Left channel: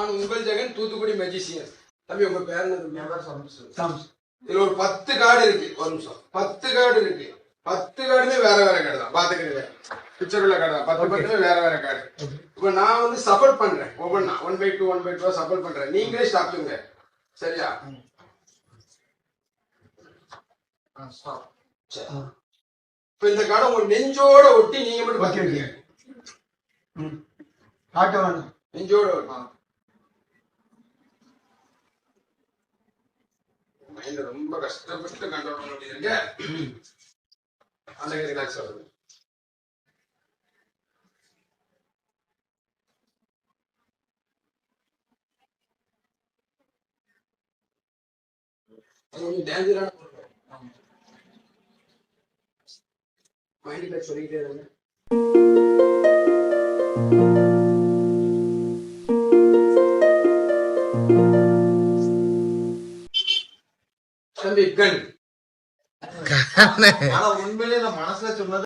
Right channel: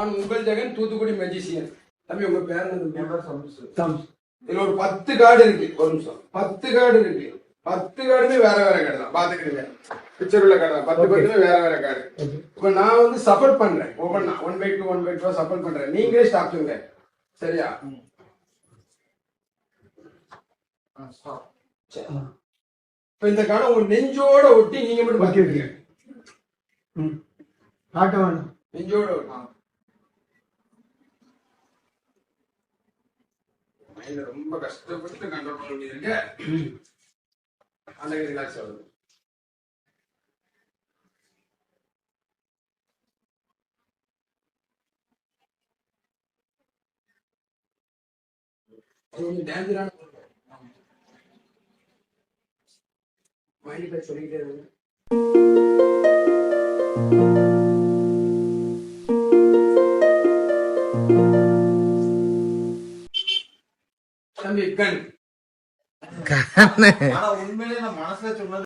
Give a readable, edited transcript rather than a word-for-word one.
நான் உங்கள் ஜெகன், தூத்துக்குடி மெஜிசியன். தம்பி உங்க பேர் என்ன? இதுல ஒரு 10 கார்டு இருக்கு. ஒரு நிமிஷம். 10 கார்டு இருக்கு. 10 கார்டுமே வேற வேற கார்டு தான். பாத்துக்கிடுங்க. பிக்சர் உள்ள கார்டு தான். 10 பேருமே வேற வேற கார்டு. இப்ப நான் வந்து சப்போர்ட் பண்றேன். ஒவ்வொன்னா 1/2 1/2 சப்போர்ட் பண்றேன். நீங்களே ஸ்டாப் பண்ணுங்க. சரியா? இப்ப இந்த கார்டை உங்க நெஞ்சோட ஒட்டி நீங்க மட்டும் பாத்துக்கீங்க. காட்ட வேணாம். நெஞ்சோட ஒட்டலாம். மைண்ட் ரொம்ப கஷ்டப்பட்டு கண்ட்ரோல் பண்ணிருங்க. அன்னைக்கு ரிலாக்ஸ் ஆகுது. கொஞ்சம் டேஞ்சரான மைண்ட் சொல்லிக்கிட்டே இருங்க. தம்பி கண் ஆனா உண்மையிலேயே நான் மனசுல சொன்னது